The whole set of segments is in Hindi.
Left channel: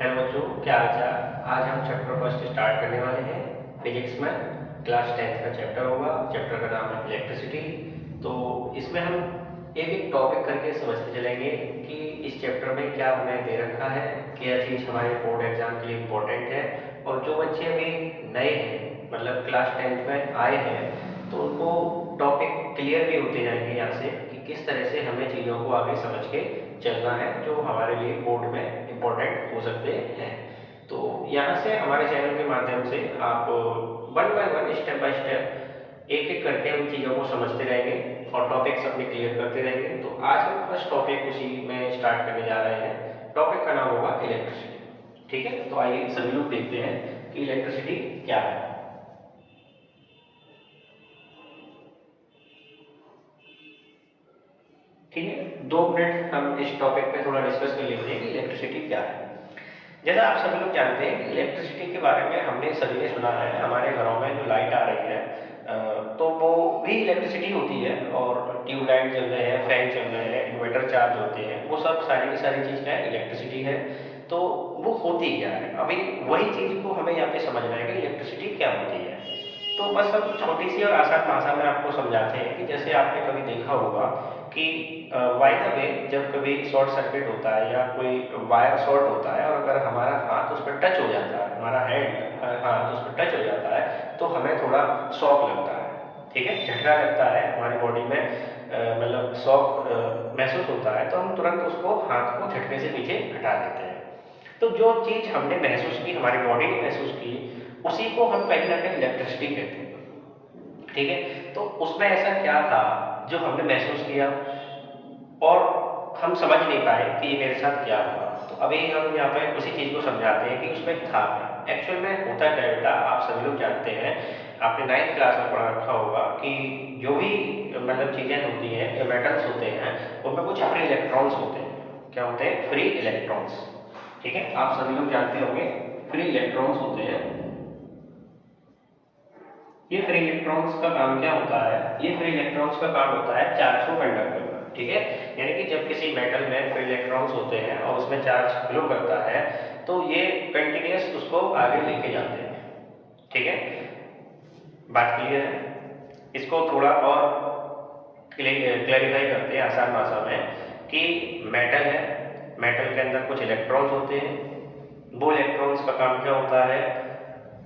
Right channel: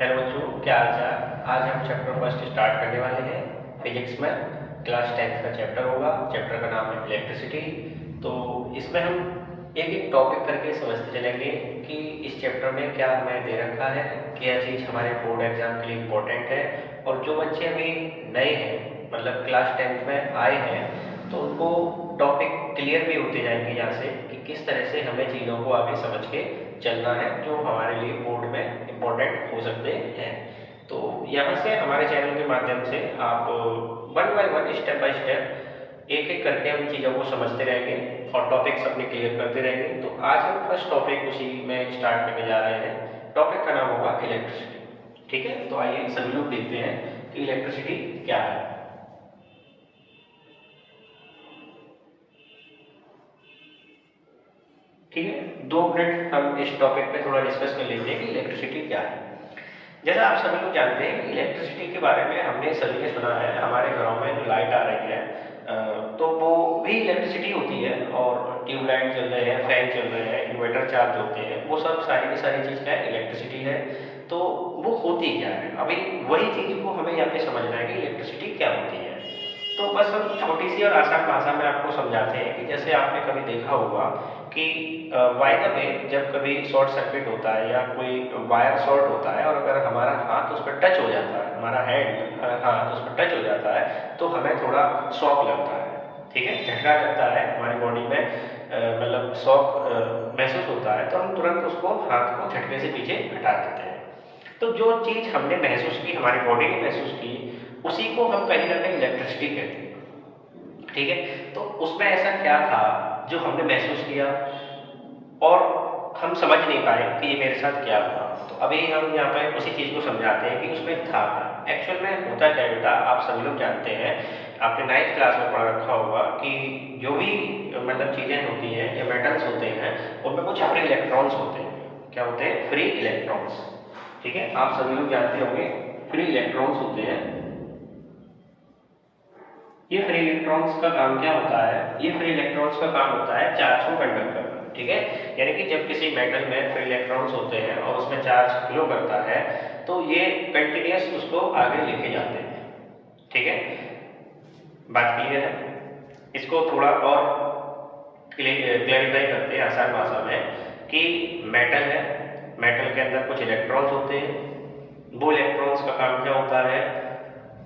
हेलो बच्चों, क्या हाल चाल। आज हम चैप्टर फर्स्ट स्टार्ट करने वाले हैं फिजिक्स में। क्लास 10th का चैप्टर होगा। चैप्टर का नाम है इलेक्ट्रिसिटी। तो इसमें हम एक एक टॉपिक करके समझते चलेंगे कि इस चैप्टर में क्या हमें दे रखा है, क्या चीज़ हमारे बोर्ड एग्जाम के लिए इम्पोर्टेंट है। और जो बच्चे अभी नए हैं, मतलब क्लास 10th में आए हैं, तो उनको टॉपिक क्लियर भी होते जाएंगे यहाँ से कि किस तरह से हमें चीज़ों को आगे समझ के चलना है, जो हमारे लिए बोर्ड में इम्पोर्टेंट हो सकते हैं। तो यहाँ से हमारे चैनल के माध्यम से आप one by one, step by step, एक एक करके हम चीज़ों को समझते रहेंगे और टॉपिक्स अपने क्लियर करते रहेंगे। तो आज हम फर्स्ट टॉपिक उसी में स्टार्ट करने जा रहे हैं। टॉपिक का नाम होगा इलेक्ट्रिसिटी। ठीक है, तो आइए सभी लोग देखते हैं कि इलेक्ट्रिसिटी क्या है। ठीक है, 2 मिनट हम इस टॉपिक पे थोड़ा डिस्कस कर लेते हैं कि इलेक्ट्रिसिटी क्या है। जैसा आप सभी लोग जानते हैं कि इलेक्ट्रिसिटी के बारे में हमने सभी ने सुना है। हमारे घरों में जो लाइट आ रही है तो वो भी इलेक्ट्रिसिटी होती है। और ट्यूबलाइट चल रहे हैं, फैन चल रहे हैं, इन्वर्टर चार्ज होते हैं, वो सब सारी की सारी चीज़ क्या है, इलेक्ट्रिसिटी है। तो वो होती क्या है, अभी वही चीज़ को हमें यहाँ पे समझना है कि इलेक्ट्रिसिटी क्या होती है। तो बस हम छोटी सी और आसान भाषा में आपको समझाते हैं कि जैसे आपने कभी देखा होगा कि वायर में जब कभी शॉर्ट सर्किट होता है या कोई वायर शॉर्ट होता है, और अगर हमारा हाथ उस पर टच हो जाता है, हमारा हैंड हाथ उस पर टच हो जाता है, तो हमें थोड़ा शॉक लगता है। ठीक है, झटका लगता है हमारी बॉडी में, मतलब शॉक महसूस होता है, तो हम तुरंत उसको हाथ को झटके से पीछे हटा देते हैं। तो जो चीज़ हमने महसूस की, हमारी बॉडी ने महसूस की, उसी को हम कहीं ना कहीं इलेक्ट्रिसिटी कहते हैं। ठीक है, तो उसमें ऐसा क्या था जो हमने महसूस किया और हम समझ नहीं पाए कि ये मेरे साथ क्या हुआ। तो अभी हम यहाँ पे उसी चीज़ को समझाते हैं कि उसमें था क्या। एक्चुअल में होता क्या है बेटा, आप सभी लोग जानते हैं, आपने 9th क्लास में पढ़ा रखा होगा कि जो भी मतलब चीज़ें होती हैं या मेटल्स होते हैं, उनमें कुछ फ्री इलेक्ट्रॉन्स होते हैं। क्या होते हैं? Free electrons. ठीक है, आप सभी लोग जानते होंगे फ्री इलेक्ट्रॉन्स होते हैं। ये फ्री इलेक्ट्रॉन्स का काम क्या होता है? ये फ्री इलेक्ट्रॉन्स का काम होता है चार्ज को कंडक्ट करना। ठीक है, यानी कि जब किसी मेटल में फ्री इलेक्ट्रॉन्स होते हैं और उसमें चार्ज फ्लो करता है, तो ये कंटिन्यूस उसको आगे लेके जाते हैं। ठीक है, बात क्लियर है? इसको थोड़ा और क्लैरिफाई करते हैं आसान भाषा में कि मेटल है, मेटल के अंदर कुछ इलेक्ट्रॉन्स होते हैं। वो इलेक्ट्रॉन्स का काम क्या होता है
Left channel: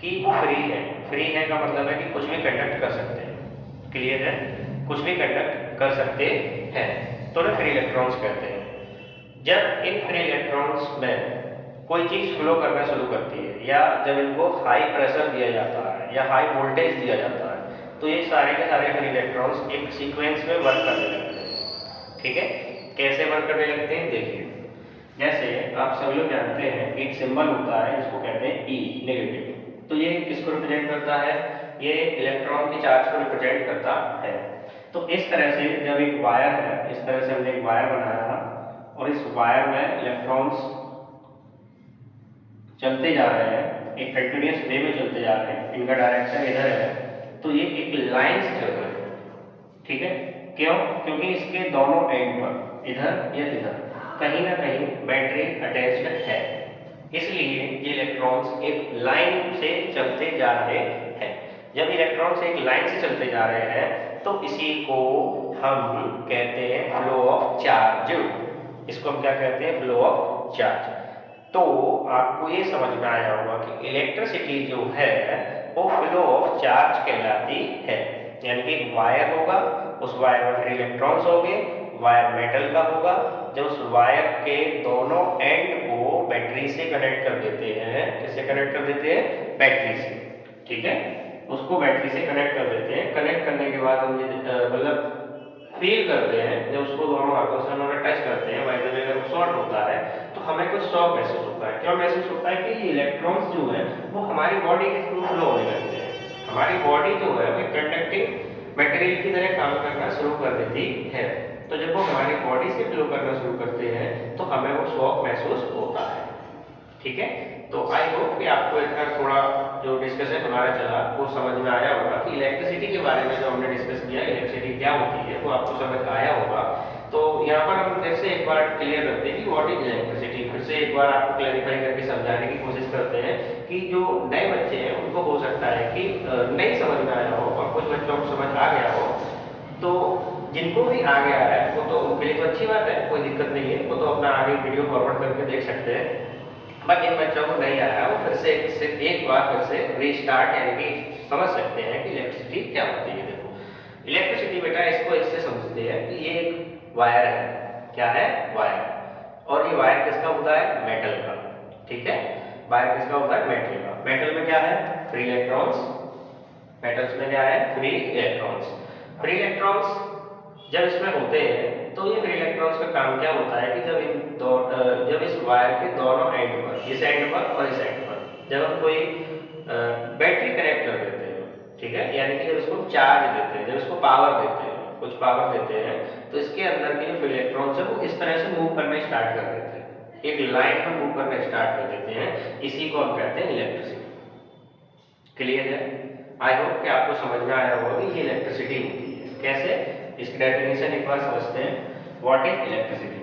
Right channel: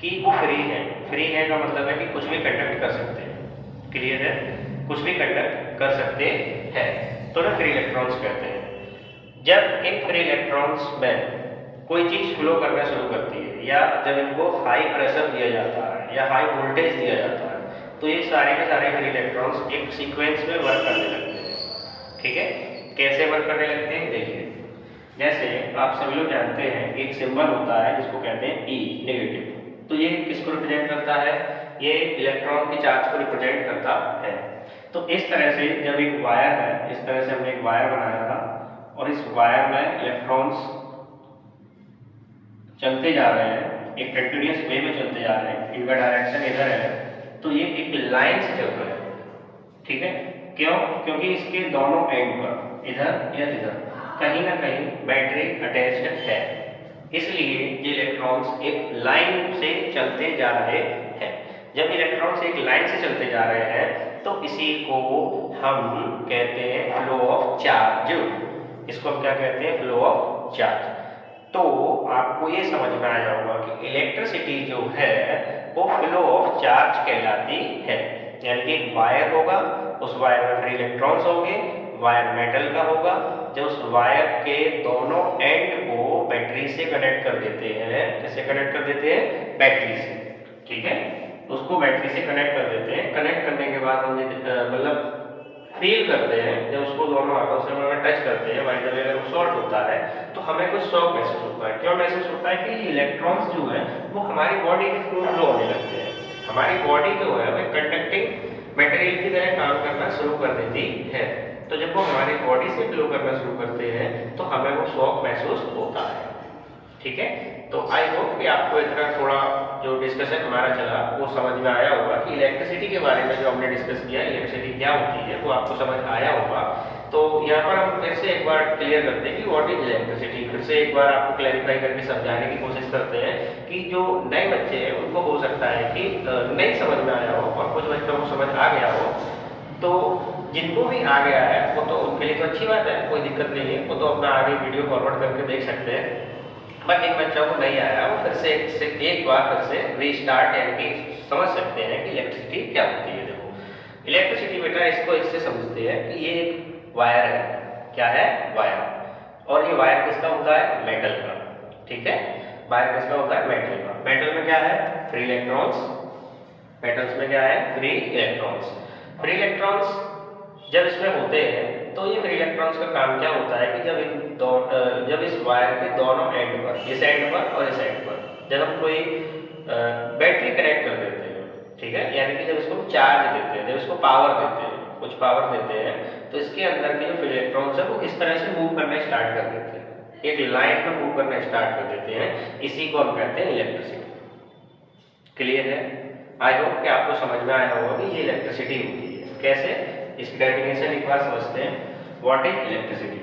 कि वो फ्री है। फ्री है का मतलब है कि कुछ भी कंडक्ट कर सकते हैं। क्लियर है? कुछ भी कंडक्ट कर सकते हैं, तो ना फ्री इलेक्ट्रॉन्स कहते हैं। जब इन फ्री इलेक्ट्रॉन्स में कोई चीज़ फ्लो करना शुरू करती है, या जब इनको हाई प्रेशर दिया जाता है या हाई वोल्टेज दिया जाता है, तो ये सारे के सारे फ्री इलेक्ट्रॉन्स एक सीक्वेंस में वर्क करने लगते हैं। ठीक है, कैसे वर्क करने लगते हैं देखिए। जैसे आप सभी लोग जानते हैं एक सिंबल होता है जिसको कहते हैं ई, नेगेटिव। तो ये किसको रिप्रेजेंट करता है? ये इलेक्ट्रॉन के चार्ज को रिप्रेजेंट करता है। तो इस तरह से जब एक वायर है, इस तरह से हमने एक वायर बनाया था और इस वायर में इलेक्ट्रॉन्स चलते जा रहे हैं, एक कंटिन्यूअस वे में चलते जा रहे हैं, इनका डायरेक्शन इधर है, तो ये एक लाइन से चल रहे हैं। ठीक है, क्यों? क्योंकि इसके दोनों एंड पर, इधर या इधर, कहीं ना कहीं बैटरी अटैच्ड है। इसलिए ये इलेक्ट्रॉन्स एक लाइन से चलते जा रहे हैं। जब इलेक्ट्रॉन्स एक लाइन से चलते जा रहे हैं, तो इसी को हम कहते हैं फ्लो ऑफ चार्ज। इसको हम क्या कहते हैं? Flow of charge. तो आपको ये समझ में आया होगा कि इलेक्ट्रिसिटी जो है वो फ्लो ऑफ चार्ज कहलाती है। यानी कि वायर होगा, उस वायर में फ्री इलेक्ट्रॉन्स होंगे, वायर मेटल का होगा। जब उस वायर के दोनों एंड को बैटरी से कनेक्ट कर देते हैं, किससे कनेक्ट कर देते हैं? बैटरी से। ठीक है, उसको बैटरी से कनेक्ट कर देते हैं। कनेक्ट करने के बाद हम मतलब फील करते हैं, जब उसको दोनों हाथों से हम टच करते हैं, बाय द वे अगर वो शॉर्ट होता है तो हमें कुछ शॉक महसूस होता है। क्यों महसूस होता है? कि इलेक्ट्रॉन्स जो है वो हमारी बॉडी के थ्रू फ्लो होने लगते हैं। हमारी बॉडी जो है वो कंडक्टिंग मटेरियल की तरह काम करना शुरू कर देती है। तो जब वो हमारी बॉडी से फ्लो करना शुरू करते हैं तो हमें वो शॉक महसूस होता है। ठीक है, तो आई होप कि आपको इतना थोड़ा जो डिस्कशन हमारा चला वो समझ में आया होगा कि इलेक्ट्रिसिटी के बारे में जो हमने डिस्कस किया, इलेक्ट्रिसिटी क्या होती है, वो आपको समझ आया होगा। तो यहाँ पर हम फिर से एक बार क्लियर करते हैं कि व्हाट इज इलेक्ट्रिसिटी। फिर से एक बार आपको क्लैरिफाई करके समझाने की कोशिश करते हैं कि जो नए बच्चे हैं उनको हो सकता है कि नहीं समझ में आया हो, और कुछ बच्चों को समझ आ गया हो। तो जिनको भी आ गया है वो तो उनके लिए तो अच्छी बात है, कोई दिक्कत नहीं है, वो तो अपना आगे वीडियो फॉरवर्ड करके देख सकते हैं। बट जिन बच्चों को नहीं आया वो फिर से एक बार फिर से रीस्टार्ट यानी कि समझ सकते हैं कि इलेक्ट्रिसिटी क्या होती है। देखो इलेक्ट्रिसिटी बेटा इसको इससे समझते हैं कि ये एक वायर है। क्या है? वायर। और ये वायर किसका होता है? मेटल का। ठीक है, वायर किसका होता है? मेटल का। मेटल में क्या है? Free electrons. मेटल्स में क्या है? Free electrons. फ्री इलेक्ट्रॉन्स जब इसमें होते हैं तो ये फ्री इलेक्ट्रॉन्स का काम क्या होता है कि जब इस वायर के दोनों एंड पर, इस एंड पर और इस एंड पर, जब हम कोई बैटरी कनेक्ट कर देते हैं, ठीक है, यानी कि जब इसको चार्ज देते हैं, जब इसको पावर देते हैं, कुछ पावर देते हैं, तो इसके अंदर के जो फ्री इलेक्ट्रॉन्स है वो इस तरह से मूव करना स्टार्ट कर देते हैं, एक लाइन में मूव करना स्टार्ट कर देते हैं। इसी को हम कहते हैं इलेक्ट्रिसिटी। क्लियर है? आई होप कि आपको समझ में आया होगा कि ये इलेक्ट्रिसिटी होती है। कैसे? इसकी डेफिनेशन एक बार समझते हैं। What is electricity?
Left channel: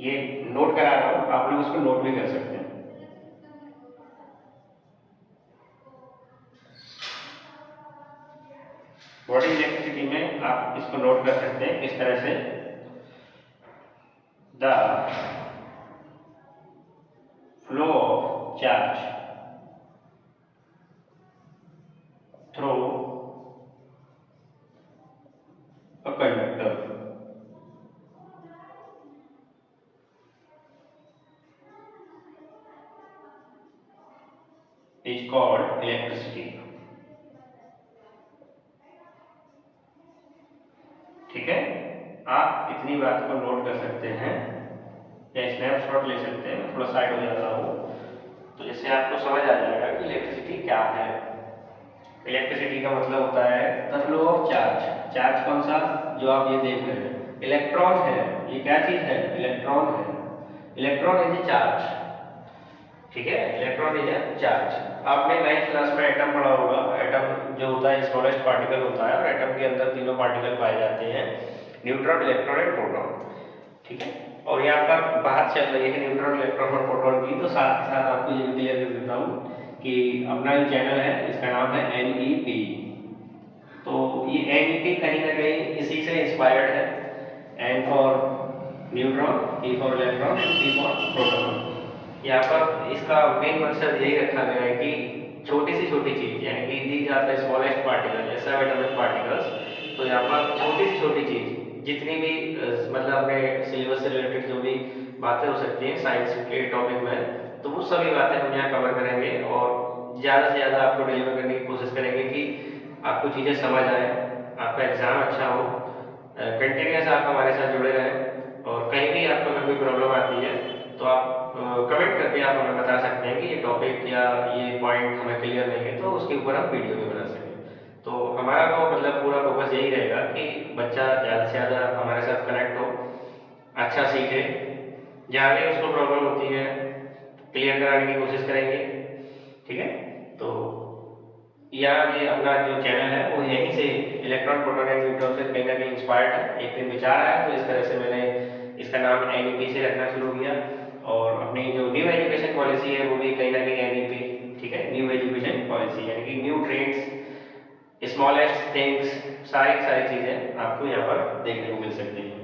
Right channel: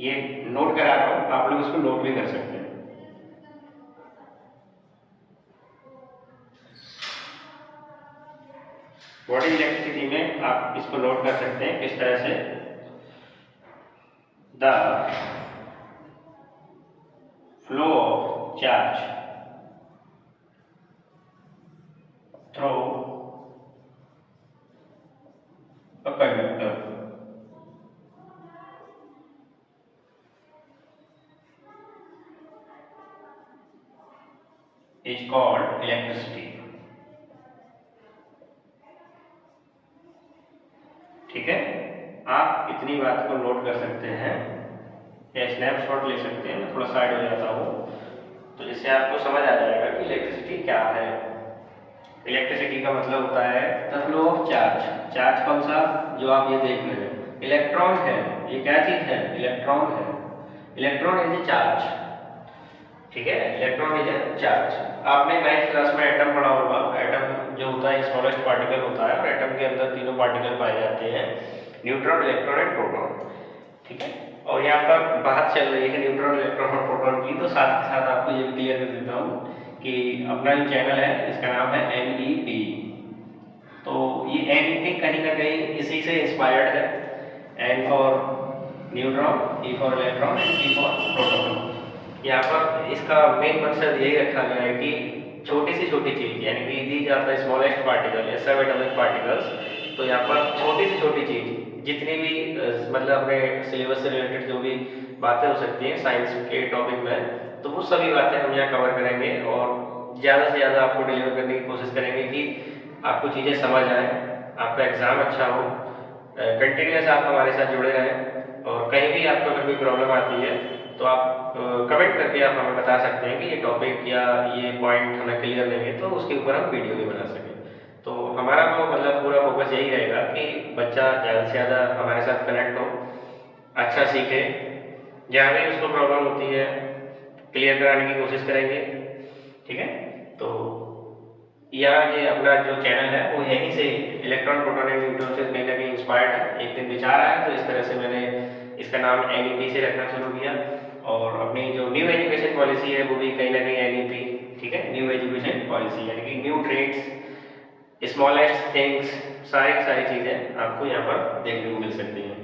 ये नोट करा रहा हूं, आप लोग इसको नोट भी कर सकते हैं। व्हाट इज इलेक्ट्रिसिटी में आप इसको नोट कर सकते हैं किस तरह से। The flow of charge through a conductor is called electricity। ठीक है, आप इतनी बात को नोट कर सकते हैं या स्नैपशॉट ले सकते हैं। मैं थोड़ा साइड हो जाता हूँ तो जिससे आपको समझ आ जाएगा कि इलेक्ट्रिसिटी क्या है। इलेक्ट्रिसिटी का मतलब होता है the flow of charge. Charge कौन सा? जो आप ये देख रहे हैं, इलेक्ट्रॉन है। ये क्या चीज है? इलेक्ट्रॉन है। Electron is a charge. ठीक है, इलेक्ट्रॉन इज ए चार्ज। आपने 9th क्लास में एटम पढ़ा होगा। एटम जो होता है स्मॉलेस्ट पार्टिकल होता है, और एटम के अंदर तीनों पार्टिकल पाए जाते हैं, न्यूट्रॉन, इलेक्ट्रॉन एंड प्रोटॉन। ठीक है, और यहाँ पर बात चल रही है न्यूट्रॉन, इलेक्ट्रॉन और प्रोटॉन की, तो साथ के साथ आपको ये भी क्लियर कर देता हूँ कि अपना जो चैनल है इसका नाम है NEP। तो ये NEP कहीं ना कहीं इसी से इंस्पायर्ड है। N for neutron, E for electron and P for proton. यहाँ पर इसका मेन मकसद यही रखा गया है कि छोटी से छोटी चीज, यानी कि दी जाता है स्मॉलेस्ट पार्टिकल या सब एटॉमिक पार्टिकल्स। तो यहाँ पर छोटी से छोटी चीज जितनी भी मतलब अपने सिलेबस से रिलेटेड जो भी बातें हो सकती हैं साइंस के टॉपिक में, तो वो सभी बातें हम यहाँ कवर करेंगे और ज़्यादा से ज़्यादा आपको डिलीवर करने की कोशिश करेंगे कि आपको चीज़ें समझ आए, आपका एग्ज़ाम अच्छा हो। कंटिन्यूस आप हमारे साथ जुड़े रहें, और कहीं भी आपको अगर कोई प्रॉब्लम आती है तो आप कमेंट करके आप हमें बता सकते हैं कि ये टॉपिक या ये पॉइंट हमें क्लियर नहीं है, तो उसके ऊपर हम वीडियो भी बना सकें। तो हमारा तो मतलब पूरा फोकस यही रहेगा कि बच्चा ज़्यादा से ज़्यादा हमारे साथ कनेक्ट हो, अच्छा सीखे, जहाँ भी उसको प्रॉब्लम होती है क्लियर कराने की कोशिश करेंगे। ठीक है, तो ये अपना जो चैनल है वो यहीं से इलेक्ट्रॉन, प्रोटॉन एंड न्यूट्रॉन से कहीं ना कहीं इंस्पायर्ड है। एक दिन विचार आया तो इस तरह से मैंने इसका नाम NEP से रखना शुरू किया, और अपनी जो न्यू एजुकेशन पॉलिसी है वो भी कहीं ना कहीं NEP। ठीक है, न्यू एजुकेशन पॉलिसी यानी कि न्यू ट्रेड्स, स्मॉलेस्ट थिंग्स, सारी सारी चीज़ें आपको यहाँ पर देखने को मिल सकती हैं।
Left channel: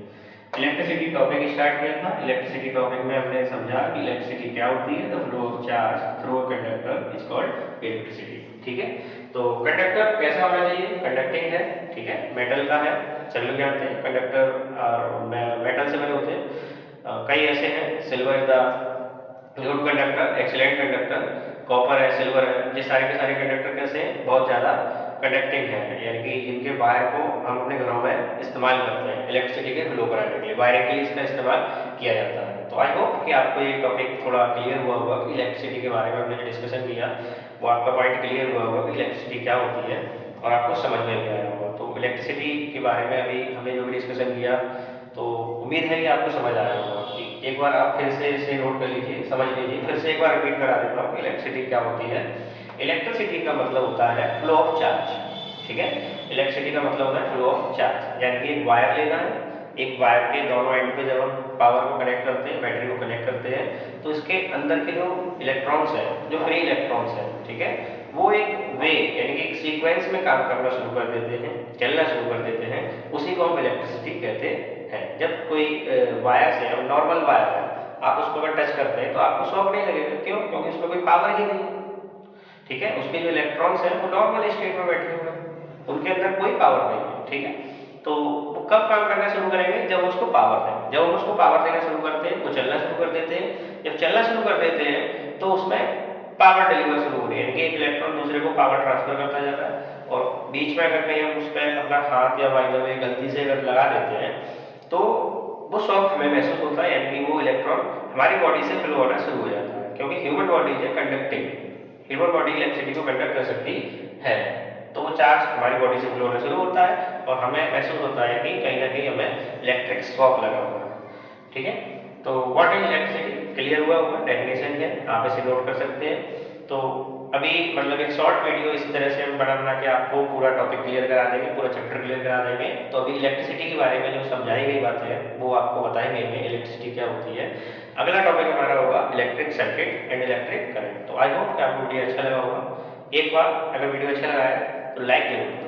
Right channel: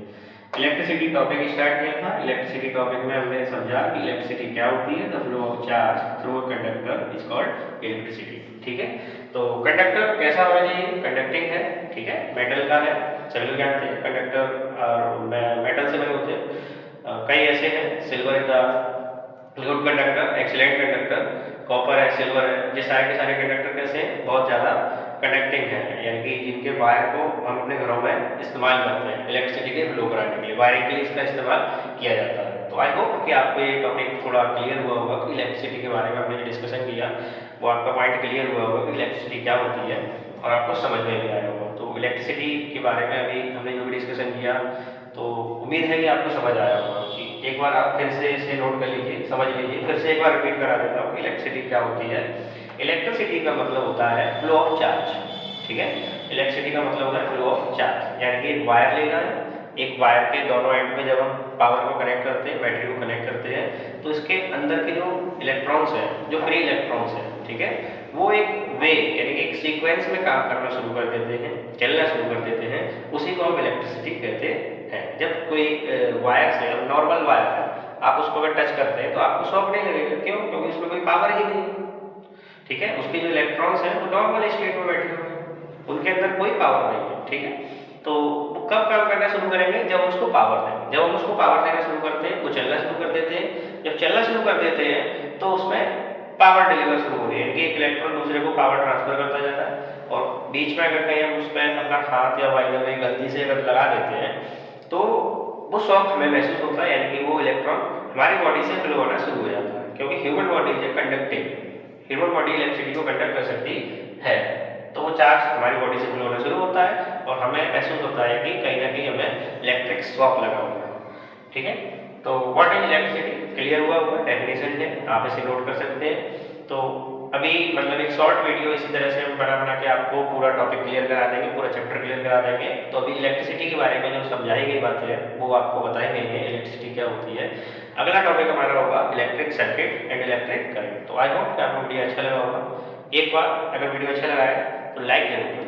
इलेक्ट्रिसिटी टॉपिक स्टार्ट किया था। इलेक्ट्रिसिटी टॉपिक में हमने समझा कि इलेक्ट्रिसिटी क्या होती है। The flow of charge through a conductor is called electricity. ठीक है, तो कंडक्टर कैसा होना चाहिए? कंडक्टिंग है। ठीक है, मेटल का है, सभी लोग जानते हैं कंडक्टर और मेटल से बने होते हैं। कई ऐसे हैं, silver is the good conductor, excellent conductor, copper है, सिल्वर है। ये सारे के सारे कंडक्टर कैसे हैं? बहुत ज़्यादा कंडक्टिंग है, यानी कि इनके वायर को हम अपने घरों में इस्तेमाल करते हैं इलेक्ट्रिसिटी के फ्लो कराने के लिए, वायरिंग के लिए इसका इस्तेमाल किया जाता है। तो आई होप कि आपको ये टॉपिक थोड़ा क्लियर हुआ होगा कि इलेक्ट्रिसिटी के बारे में हमने जो डिस्कशन किया वो आपका पॉइंट क्लियर हुआ होगा कि इलेक्ट्रिसिटी क्या होती है, और आपको समझ में भी आया होगा। तो इलेक्ट्रिसिटी के बारे में अभी हमने जो भी डिस्कशन किया, तो उम्मीद है कि आपको समझ आया होगा। कि एक बार आप फिर से इसे नोट कर लीजिए, समझ लीजिए, फिर से एक बार रिपीट करा देता हूँ कि इलेक्ट्रिसिटी क्या होती है। इलेक्ट्रिसिटी का मतलब होता है फ्लो ऑफ चार्ज। ठीक है। इलेक्ट्रिसिटी का मतलब होता है फ्लो ऑफ चार्ज, यानी कि एक वायर लेना है, एक वायर के दोनों एंड पे जब हम पावर को कनेक्ट करते हैं, बैटरी को कनेक्ट करते हैं, तो इसके अंदर के जो इलेक्ट्रॉन्स हैं, जो फ्री इलेक्ट्रॉन्स हैं, ठीक है, वो एक वे यानी कि एक सीक्वेंस में काम करना शुरू कर देते हैं, चलना शुरू कर देते हैं, उसी को हम इलेक्ट्रिसिटी कहते हैं। जब कोई वायर से, अब नॉर्मल वायर है, आप उसको अगर टच करते हैं तो आपको शॉक नहीं लगेगा, क्यों? क्योंकि उसमें कोई पावर ही नहीं, ठीक है। उसके जो इलेक्ट्रॉन्स हैं वो नॉर्मल स्टेट में बैठे हुए हैं, उनके अंदर कोई पावर नहीं है, ठीक है। तो वो कब काम करना शुरू करेंगे? जब उसको पावर दें। जब हम उसको पावर देना शुरू करते हैं, वो चलना शुरू कर देते हैं। जब चलना शुरू कर देते हैं तो उसमें पावर डिलीवर शुरू हो रही है, यानी कि एक इलेक्ट्रॉन दूसरे को पावर ट्रांसफर करता जा रहा है, और बीच में अगर कहीं हम उस पर अपना हाथ या बाय द वे गलती से अगर लगा देते हैं तो वो शॉक हमें महसूस होता है, यानी कि वो इलेक्ट्रॉन हमारी बॉडी से फ्लो होना शुरू हो जाता है, क्योंकि human body is conducting, human body electricity को कंडक्ट कर सकती है। तो वो चार्ज हमारी बॉडी से फ्लो होना शुरू होता है और हमें महसूस होता है कि कहीं ना कहीं हमें इलेक्ट्रिक शॉक लगा हुआ है, ठीक है। तो व्हाट इज इलेक्ट्रिसिटी क्लियर हुआ होगा, डेफिनेशन है, आप इसे नोट कर सकते हैं। तो अभी मतलब एक शॉर्ट वीडियो इसी तरह से हम बना के आपको पूरा टॉपिक क्लियर करा देंगे, पूरा चैप्टर क्लियर करा देंगे। तो अभी इलेक्ट्रिसिटी के बारे में जो समझाई गई बातें हैं वो आपको बताई गई हैं, इलेक्ट्रिसिटी क्या होती है। अगला टॉपिक हमारा होगा electric circuit and electric current. तो आई होप कि आपको वीडियो अच्छा लगा होगा। एक बार अगर वीडियो अच्छा लगा है तो लाइक जरूर करें।